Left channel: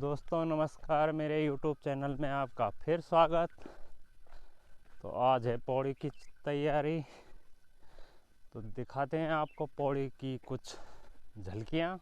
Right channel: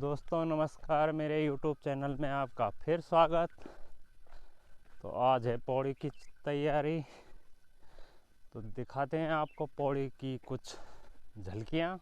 दोस्तों नमस्कार, मेरे YouTube चैनल में आपका फिर स्वागत। तो आज है पौड़ी की तैयारी, तो दिखाते हैं आपको पौड़ी की कुछ झलकियाँ।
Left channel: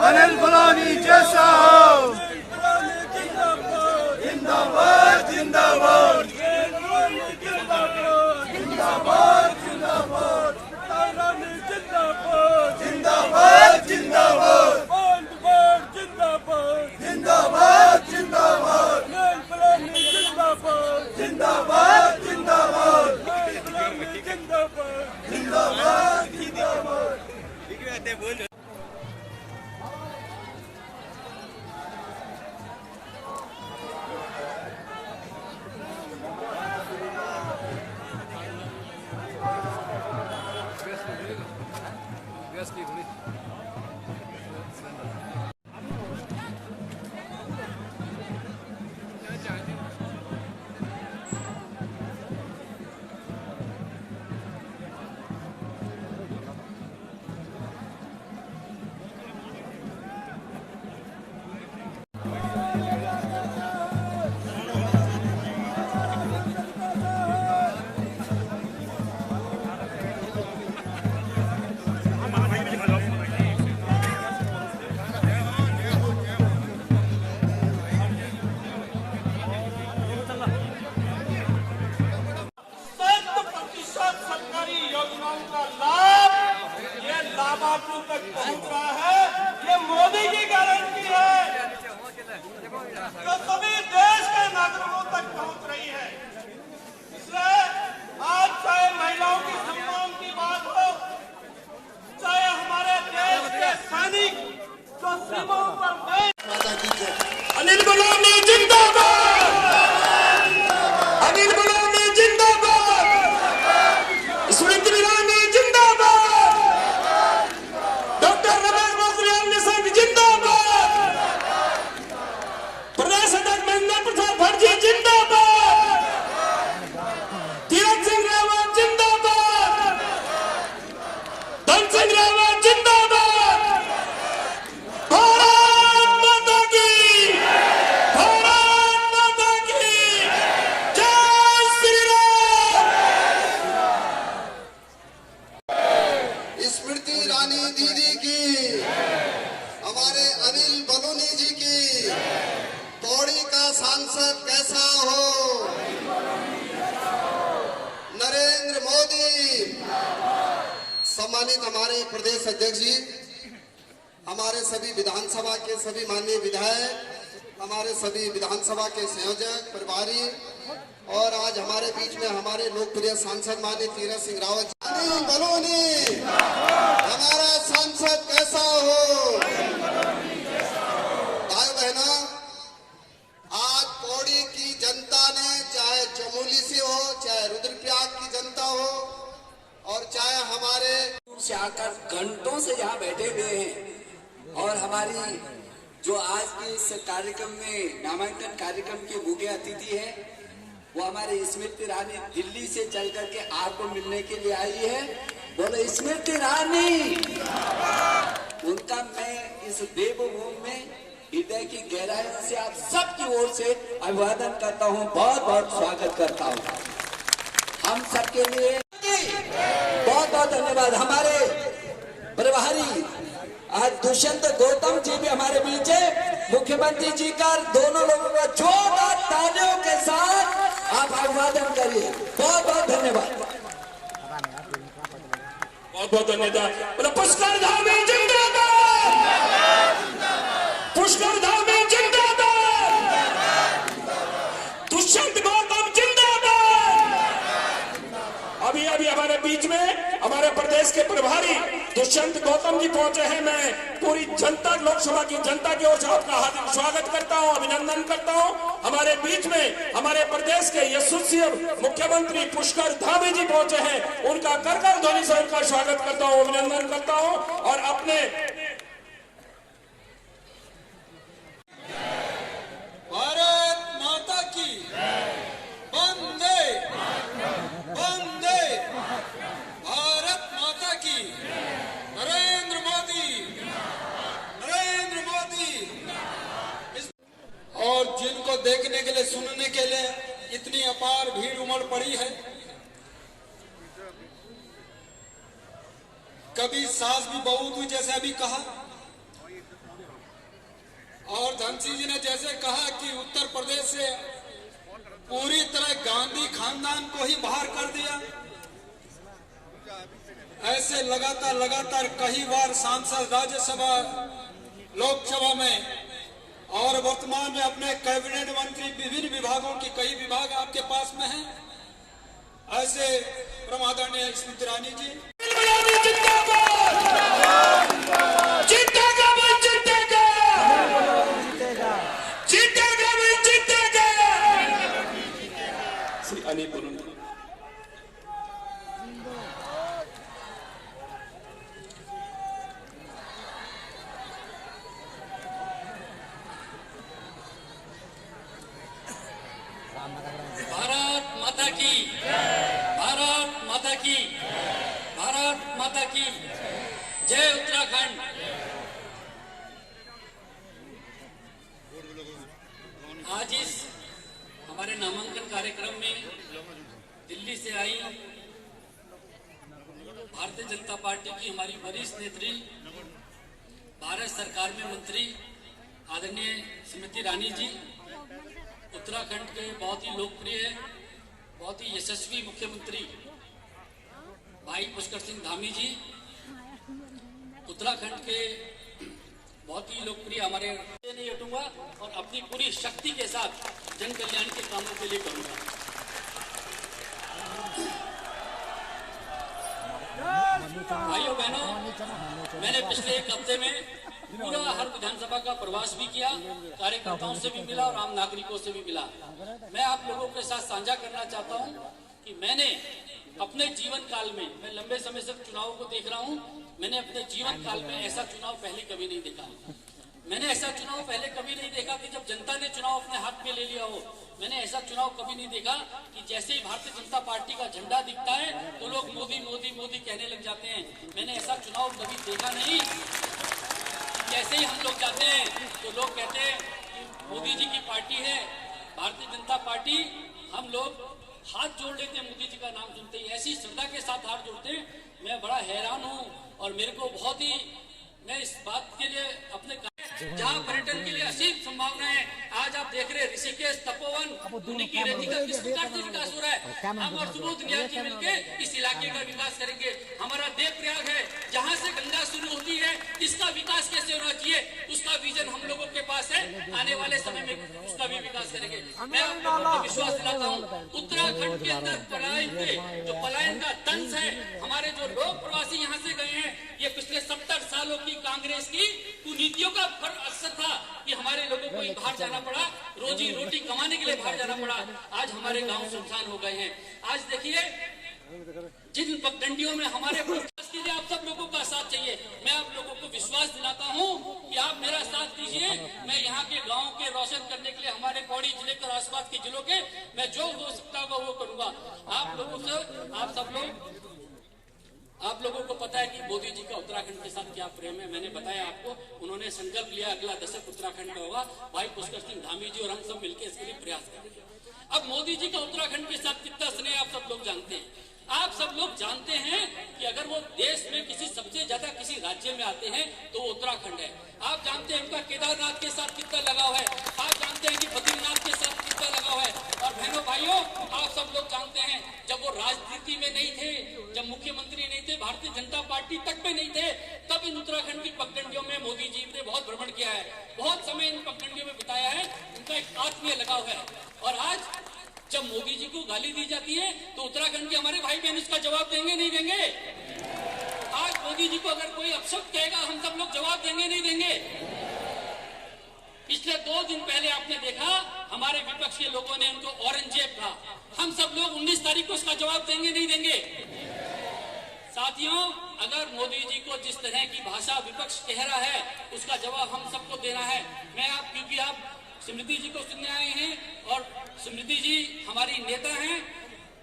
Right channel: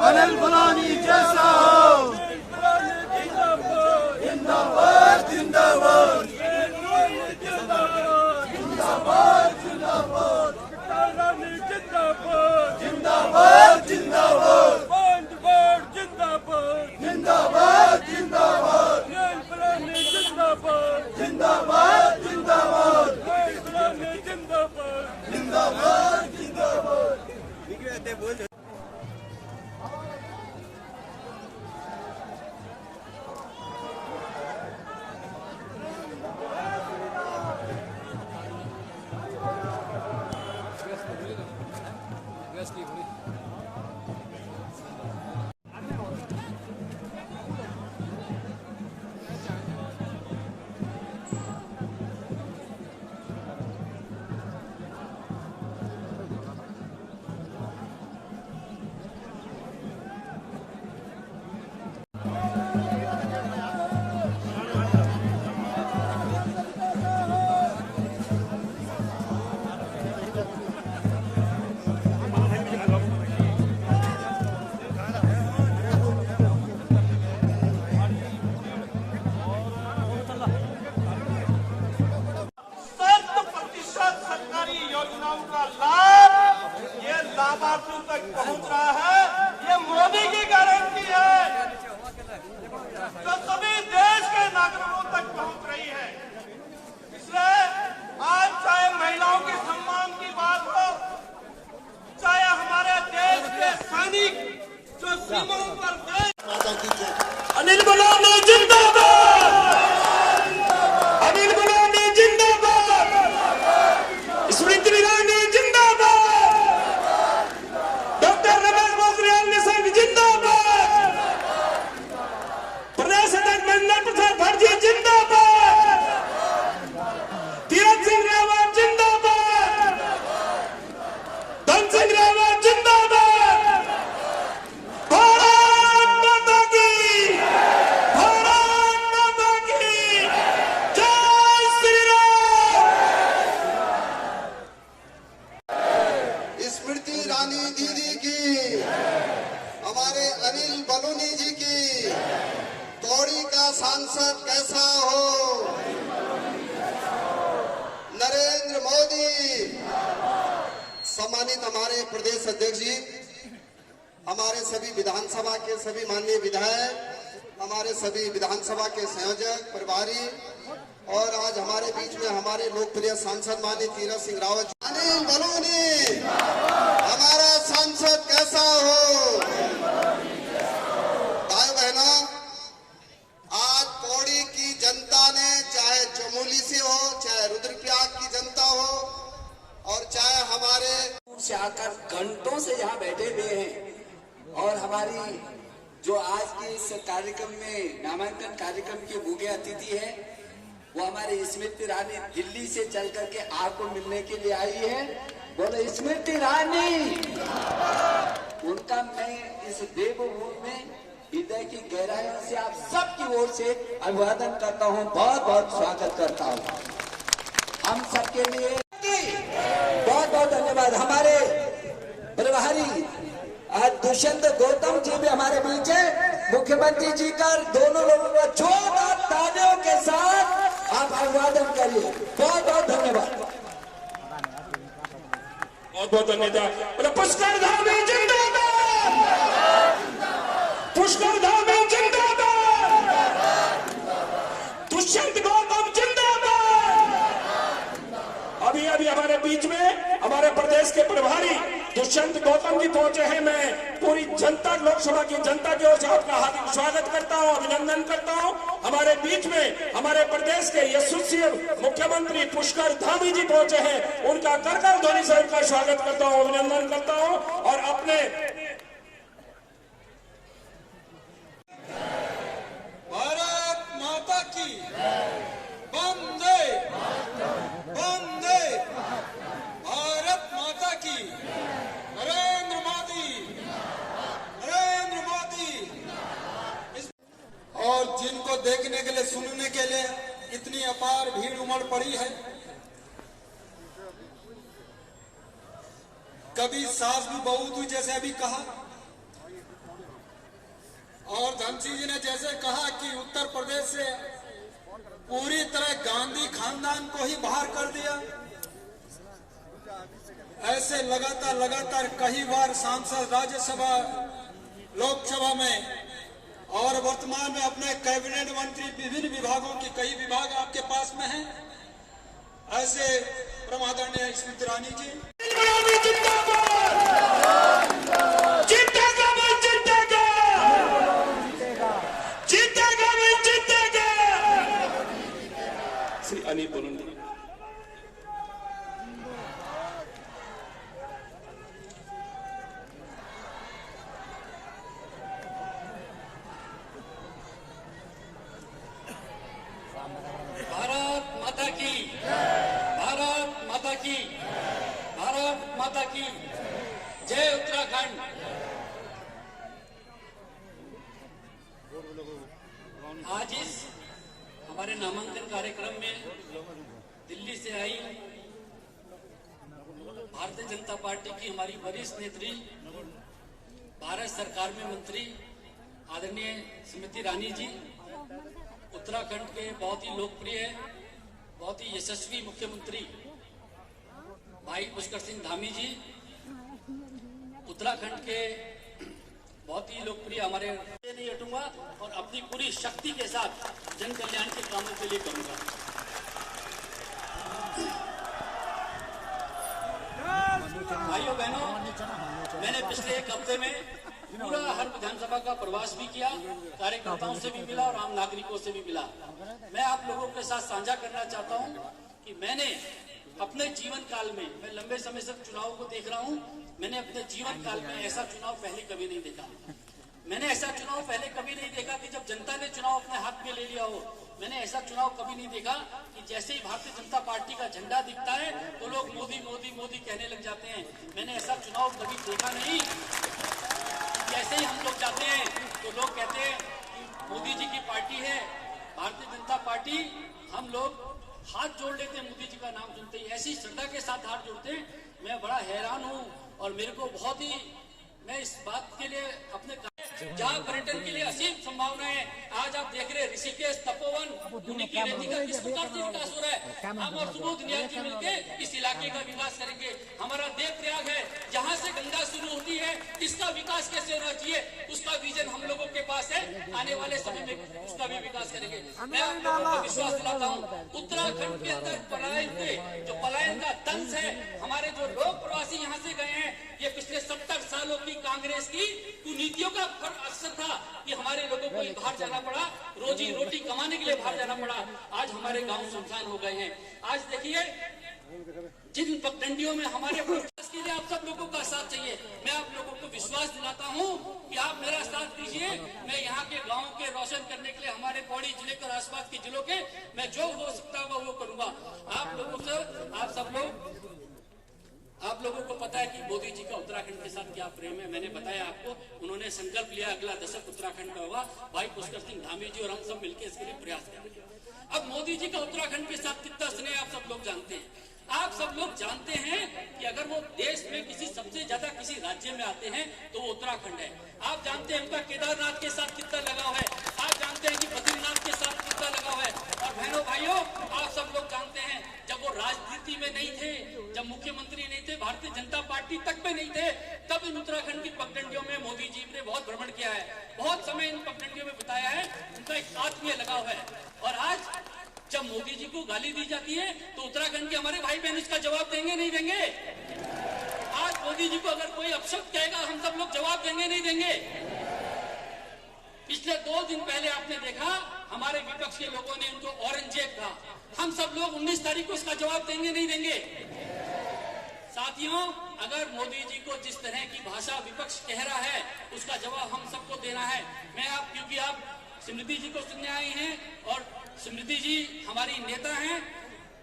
अनिल बलानी जैसा हो, जिंदाबाद जिंदाबाद। अनिल बलौनी जिंदाबाद, अनिल बलौनी जिंदाबाद, स्मृति ईरानी जिंदाबाद, डॉक्टर रमेश पोखरियाल निशंक जिंदाबाद, प्रदेश अध्यक्ष महेंद्र प्रसाद भट्टी जिंदाबाद, तीरथ सिंह रावत जिंदाबाद, धन सिंह रावत जिंदाबाद, भारत माता की, भारत माता की जय श्री राम। स्मृति ईरानी दीदी की, हमारे अनिल बलूनी जी की, पौड़ी का सांसद कैसा हो, नरेंद्र मोदी। सम्मानित हमारे प्रदेश अध्यक्ष जी, हमारे सभी विधानसभा के सभी माननीय विधायक, हमारे सभी विधानसभा के संयोजक प्रभारी और आज हमारे बीच में हमारे लोकप्रिय सांसद माननीय तीरथ सिंह रावत। अनिल बलूनी हमारा सांसद कैसा हो। भाई बहनों, आज पौड़ी की जनता ने, चाहे चमोली से हो, चाहे रुद्रप्रयाग की जनता हो और चाहे हमारे से आकर घंटों से यहाँ बैठे हुए हैं और हमारी जो आज के इस कार्यक्रम में नामांकन कार्यक्रम के मुख्य अतिथि है वो हमारी स्मृति ईरानी दिल्ली से चल करके आपको मिलने के लिए आई है। बोले स्मृति ईरानी, उनका मैं इस देवभूमि में हृदय की गहराइयों से आप सबकी ओर से अभिवादन करता हूँ, बहुत बहुत स्वागत करता हूँ। हम सबके लिए बहुत बहुत धन्यवाद। हमारे प्रभारी आज दुष्यंत गौतम जी भी हमारे बीच है। मुख्यमंत्री जी का दोनों लोगों को जोरदार तालियों के साथ आप अभिवादन करिए। बहुत बहुत धन्यवाद। बहुत बहुत धन्यवाद। बोले पुष्कर धाम जिंदाबाद, पुष्कर धाम जिंदाबाद, दुष्यंत गौतम जिंदाबाद। अभी अभी हमारे बीच में हमारे प्रदेश के प्रभारी दुष्यंत गौतम जी पहुंचे हैं। मैं पूरी जनता, लोकसभा की जनता की ओर से आपका हार्दिक स्वागत करता हूं, अभिनंदन करता हूं। हमारे बीच में हमारे प्रदेश के यशस्वी मुख्यमंत्री पुष्कर धामी जी पहुंचे हैं। उनका करकर ध्वनि से उनका स्वागत करता हूं, अभिनंदन करता हूं और अपने भारत माता की वंदे वंदे, भारत माता की, नरेंद्र मोदी, नरेंद्र मोदी। और जिनको देखने के लिए, सुनने के लिए इतनी अपार भीड़ उमड़ पड़ी है। कभी सास भी बहू हुई, जैसे अभी कहा, और धनसिंह जी ने जैसे कहा कि उत्तर प्रदेश से पूरी तरह गांधी खानदान को ही बाहर कर दिया। ऐसे लगातार लगातार कई बार सांसद राज्यसभा, लोकसभा में और वर्तमान में अपने कैबिनेट मंत्री, विभिन्न विभागों की कई विभाग आपके पास में हैं। ऐसे प्रमादरणीय स्मृति ईरानी जी अनिल बलूनी। भारत माता की, भारत माता की, भारत माता की जय। उत्तराखंड आज इस हमारे नामांकन कार्यक्रम में दिल्ली से आई भारतीय जनता पार्टी की हमारी वरिष्ठ नेत्री, भारत सरकार में मंत्री आदरणीय स्मृति ईरानी जी, उत्तराखंड के बहुत ही लोकप्रिय, बहुत ही यशस्वी मुख्यमंत्री भाई पुष्कर सिंह धामी जी, उत्तराखंड के बहुत ही लोकप्रिय हमारे नहीं हटूंगा और अपनी पूरी शक्ति के साथ जन कल्याण के कामों के लिए करूंगा। भाइयों बहनों, मैंने पिछले एक हफ्ते में पूरा हर विधानसभा का प्रवास भी किया, कार्यकर्ताओं से भी मिला और आम नागरिकों से भी मिला। मैं आप लोगों के साथ साझा करना चाहता हूँ कि मैंने अपने जीवन काल में, मैं लंबे समय से चुनाव को देख रहा हूँ, मैंने अपने जीवन काल में ऐसा चुनाव पहले कभी नहीं देखा। मैंने ऐसा चुनाव पहले कभी नहीं देखा कि जब जनता ने चुनाव अपने हाथ में ले लिया हो। मैंने ऐसा चुनाव कभी नहीं देखा कि जैसे ही भारतीय जनता पार्टी का झंडा दिखता है तो लोग मोदी मोदी मोदी कहने लग जाते हैं। मैंने ऐसा चुनाव कभी देखा नहीं। जैसे ही हम लोग जाते हैं तो लोग कहते हैं कि मोदी जी की पार्टी है भारतीय जनता पार्टी, हम लोग हाथ जोड़ लेते हैं मोदी जी का नाम सुनते ही, ऐसी श्रद्धा के साथ हाथ जोड़ते हैं। मैं बड़ा हैरान हूँ और मेरे को बहुत ही, मैं इस बात के लिए अपने जहाँ पर्यटन के लिए असीम संभावना है। आज आप देख रहे हैं ऋषिकेश, तपोवन, उन्हीं की रेती का किस प्रकार से विकास हो रहा है। हम और सुबोध नियाजी मिलके इस इलाके का विकास करेंगे। हमारा देवप्रयाग है, जहाँ से गंगा शुरू होती है, इसका विकास कैसे होना चाहिए, उसका विजन हम लोगों के पास है। आने वाले समय में उसका भी विकास करेंगे। मैं आप लोगों को विश्वास दिलाता हूँ, उत्तराखंड के अंदर पलायन का दंश है। हमारे जो लोग प्रवासी यहाँ से गए हैं, ये पिछले 70 सालों की कांग्रेस की कुनीतियों का असर था कि हमारे लोगों को बाहर जाना पड़ा, रोजी रोटी कमाने के लिए बाहर जाना पड़ा। आज हमारे गांव सुनसान हो गए हैं। आज देखिए, जिन पगडंडियों में हमारे के लिए आप सब लोगों का साथ चाहिए। मैं आप लोगों को विश्वास दिलाता हूं कि आप मेरा साथ दीजिए। मैं यहाँ के गांव के रोशन करने के लिए, हमारे पौड़ी जिले के और आसपास के जिलों के, मैं जो हो सकता है वो करूंगा। आप लोगों से, आप लोगों को पता है कि मोदी जी का उत्तराखंड के साथ क्या प्रेम है। मैंने बताया आपको, उन्होंने संकल्प लिया अगला दशक उत्तराखंड का होगा। भाई पुष्कर सिंह धामी जी और हम सब मिलकर इसके लिए प्रयास करेंगे। अब मोदी जी का उत्तराखंड के साथ कितना स्नेह आप सब लोग जानते हैं। आप सब लोग जानते हैं कि अगर वो देश में किसी सबसे ज्यादा किसी राज्य में आते हैं तो वो उत्तराखंड है। आप जानते हैं उनका केदारनाथ के साथ कितना लगाव है। आप जानते हैं कि बद्रीनाथ के साथ कितना लगाव है। और बहनों भाइयों, आप सब लोग जानते हैं, जब वो राजनीति में नहीं थे, जब मुख्यमंत्री नहीं थे, भारतीय जनता पार्टी तक में नहीं थे, तब इन उत्तराखंड की पगडंडियों में मोदी जी ने बहुत भ्रमण किया है, बहुत समय इन पगडंडियों में बिताया है। उनका एक आत्मीय लगाव है। और आज जब मोदी जी को गाली दी जाती है तो उत्तराखंड के हमारे भाई बहन इसका जवाब देंगे नहीं देंगे? आज मोदी जी को अगर कोई अपशब्द कहेगा, हम सब लोग जवाब देंगे नहीं देंगे? पिछले 2 दिन पहले आपने देखा, हमारे विपक्ष के लोगों ने उनको औरंगजेब कहा। हम सब लोग 19 तारीख को इसका जवाब देंगे नहीं देंगे? साथियों, अगर मोदी जी को जिस तरह की भाषा विपक्ष कह रहा है, उसका जवाब हम सबको देना है। मैं आप, क्योंकि आप स्मृति जी को सुनने आए हैं और स्मृति जी हमारी नेता हैं।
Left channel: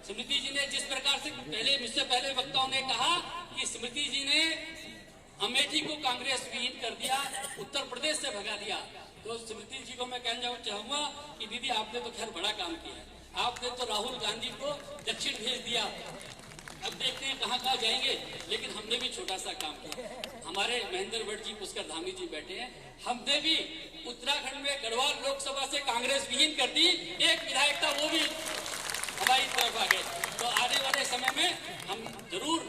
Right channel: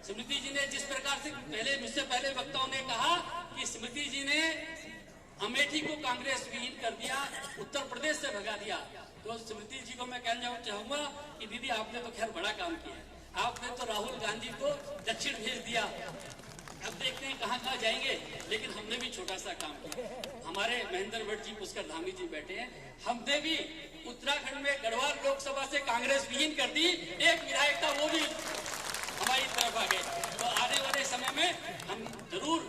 स्मृति जी ने जिस प्रकार से मुझसे पहले वक्ताओं ने कहा कि स्मृति जी ने अमेठी को कांग्रेस विहीन कर दिया, उत्तर प्रदेश से भगा दिया, तो स्मृति जी को मैं कहना चाहूंगा कि दीदी आपने तो खैर बड़ा काम किया। आपने तो राहुल गांधी को दक्षिण भेज दिया, अब देखते हैं कहाँ कहाँ जाएंगे। लेकिन हमने भी छोटा सा काम किया। हमारे महेंद्र भट्ट जी, पुष्कर धामी जी बैठे हैं, हमने भी उत्तराखंड में गढ़वाल लोकसभा से कांग्रेस विहीन कर दी। एक विधायक था, वो भी हमारी तरफ आ गए। तो आने वाले समय में हम जरूर,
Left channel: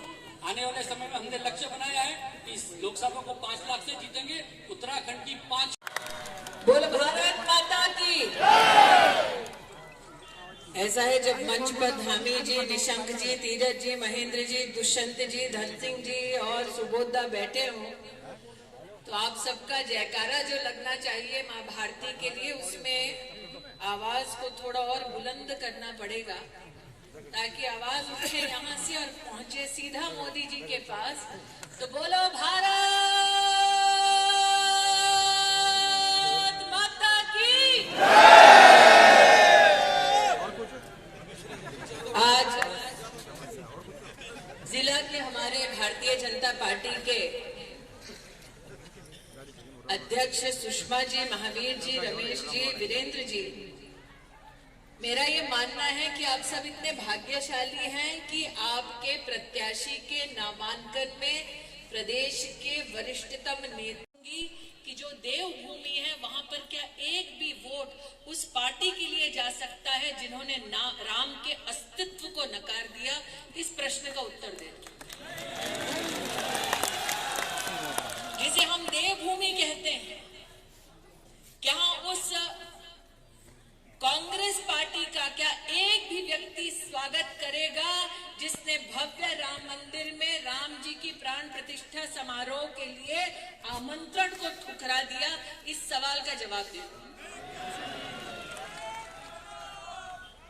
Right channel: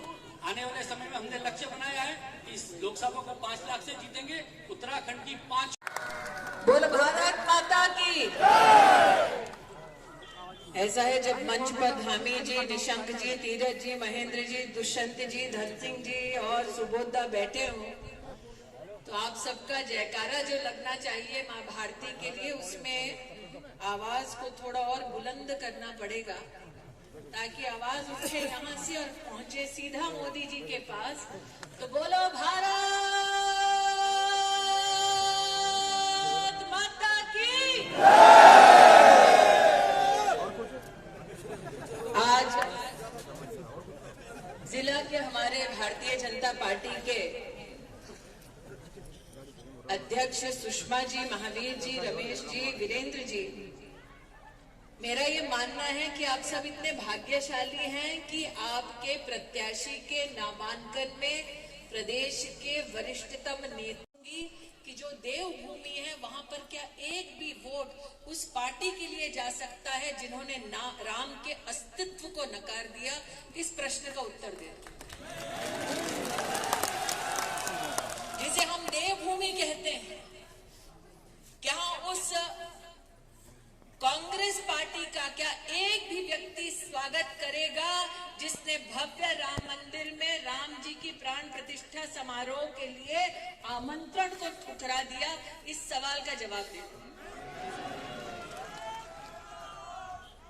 आने वाले समय में हमने लक्ष्य बनाया है कि इस लोकसभा को 5 लाख से जीतेंगे। उत्तराखंड की 5 बोल भारत माता की। ऐसा है, जब मंच पर धामी जी, निशंक जी, तीरथ जी, महेंद्र जी, दुष्यंत जी, धन सिंह जी और सुबोधा बैठे हों, तो आप सबका जयकारा जो लगना चाहिए माँ भारती के लिए, उसमें आवाज को थोड़ा और बुलंद करना पड़ेगा ताकि आवाज उठे यहाँ से और पहुंचे सीधा मोदी जी के पास। तो बोलो भारत माता की। आज जिला के हमारे भारतीय जनता पार्टी के अध्यक्ष सुषमा जी, महावीर जी, रमेश जी, वीरेंद्र जी, मेरा ये मानना है कि आप सब इतने भाग्यशाली हैं कि आपके प्रत्याशी के नामांकन में प्रदेश के वरिष्ठतम नेता कि जो देवभूमि है वहां पर क्या एक भी वोट उस पार्टी के लिए जा सकता है जिन्होंने राम के अस्तित्व को नकार दिया? इस प्रश्न का उत्तर दें। जिसे हम देवभूमि कहते हैं, क्या उस कांग्रेस पार्टी का एक भी व्यक्ति स्वागत करेगा जिसने भव्य राम मंदिर में राम राम जी की प्राण प्रतिष्ठा समारोह के लिए आमंत्रण को ठुकरा दिया? इस सवाल का जवाब दें।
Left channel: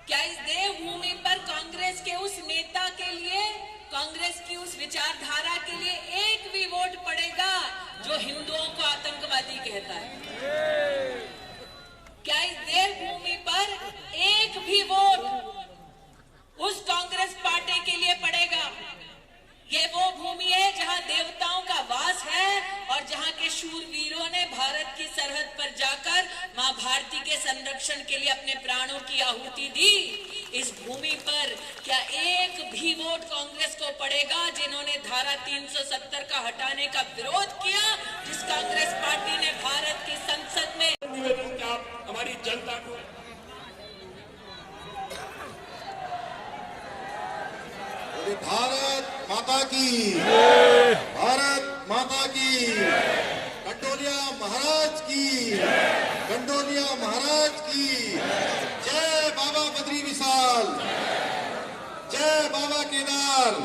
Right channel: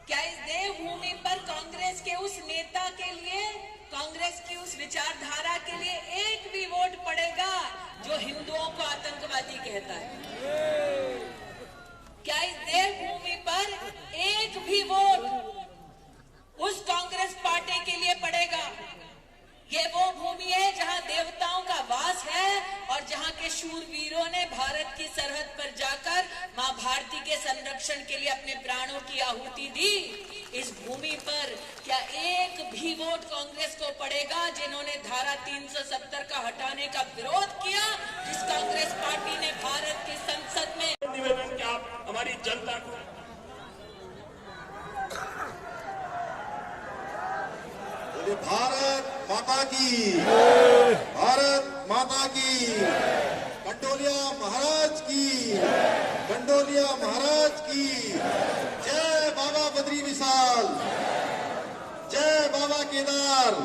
क्या इस देवभूमि पर कांग्रेस के उस नेता के लिए, कांग्रेस की उस विचारधारा के लिए एक भी वोट पड़ेगा जो हिंदुओं को आतंकवादी कहता है? क्या इस देवभूमि पर एक भी वोट उस कांग्रेस पार्टी के लिए पड़ेगा? ये वो भूमि है जहां देवताओं का वास है और जहां के शूरवीरों ने भारत की सरहद पर जाकर मां भारती के संरक्षण के लिए अपने प्राणों की आहुति दी। इस भूमि पर क्या एक भी वोट कांग्रेस को पड़ेगा जिन्होंने धारा 370 का हटाने का विरोध किया, जिस कांग्रेस पार्टी ने भारत की संसद में निवेदन कि आप हमारी जनता को भारत माता की, भारत माता की, कंडोलिया महाराज की, कंडोलिया महाराज की। जय बाबा बद्री विशाल, जय बाबा केदार,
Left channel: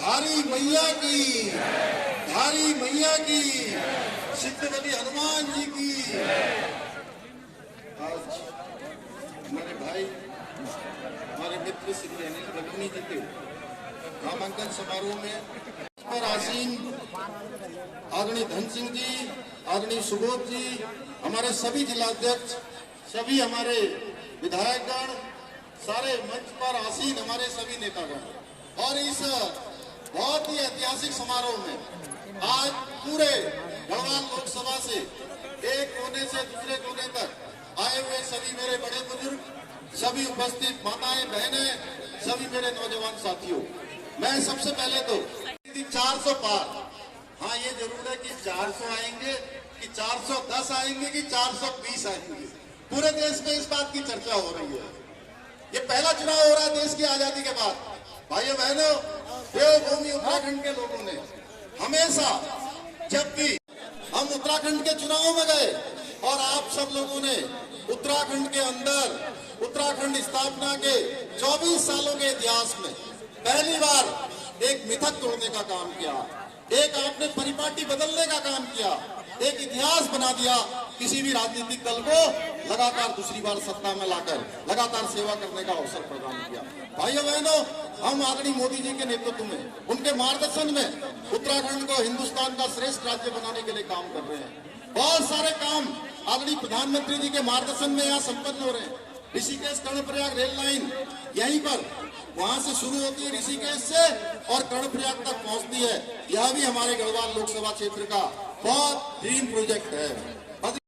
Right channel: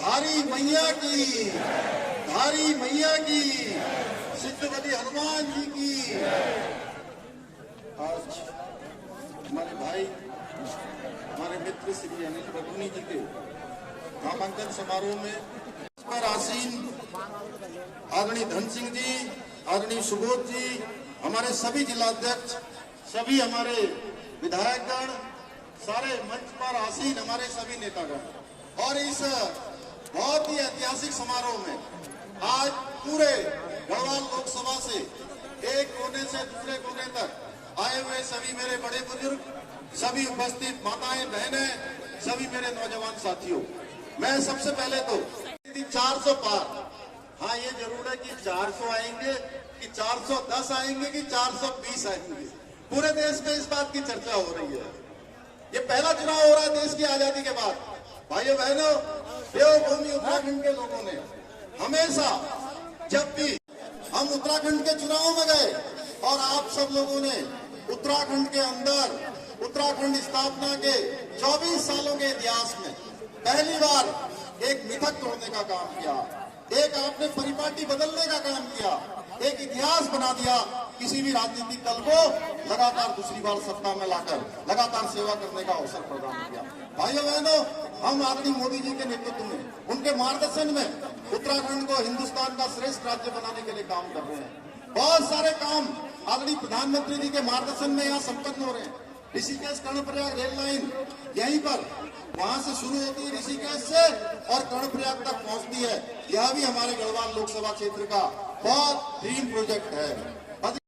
धारी मैया की, धारी मैया की, सिद्धवती हनुमान जी की। आज हमारे भाई, हमारे मित्र श्री अनिल बडोनी जी के नामांकन समारोह में पर आसीन आदरणीय धन सिंह जी, आदरणीय सुबोध जी, हमारे सभी जिलाध्यक्ष, सभी हमारे विधायकगण, सारे मंच पर आसीन हमारे सभी नेतागण और इस बहुत ही ऐतिहासिक समारोह में आज पूरे गढ़वाल लोकसभा से एक कोने से दूसरे कोने तक आए हुए सभी मेरे बड़े बुजुर्ग, सभी उपस्थित माताएं, बहनें, सभी मेरे नौजवान साथियों, मैं सबसे पहले तो 400 पार, हाँ ये जरूर है कि 400 आएंगे कि 410 आएंगे कि 420 आएंगे, पूरे देश में इस बात की चर्चा हो रही है। ये पहला चुनाव हो रहा है देश की आजादी के बाद। भाइयों बहनों, देवभूमि उत्तराखंड के लोगों ने हमेशा, जब भी हम उत्तराखंड के चुनाव में गए और आप सब लोगों ने उत्तराखंड के अंदर, उत्तराखंड स्थापना के 24 सालों के इतिहास में पहली बार एक मिथक तोड़ने का काम किया, एक आपने परिपाटी बदलने का काम किया, एक इतिहास बना दिया, किसी भी राजनीतिक दल को लगातार दूसरी बार सत्ता में लाकर लगातार सेवा करने का अवसर प्रदान किया। भाइयों बहनों, हम आदरणीय मोदी जी के नेतृत्व में, उनके मार्गदर्शन में उत्तराखंड को हिंदुस्तान का श्रेष्ठ राज्य बनाने के लिए काम कर रहे हैं। बहुत सारे काम आदरणीय प्रधानमंत्री जी के मार्गदर्शन में यहाँ संपन्न हो रहे हैं। ऋषिकेश कर्णप्रयाग रेल लाइन यहीं पर, वहां से शुरू होती है ऋषिकेश से और कर्णप्रयाग तक पहुंचती है। यह भी हमारे गढ़वाल लोकसभा क्षेत्र का बहुत ड्रीम प्रोजेक्ट है।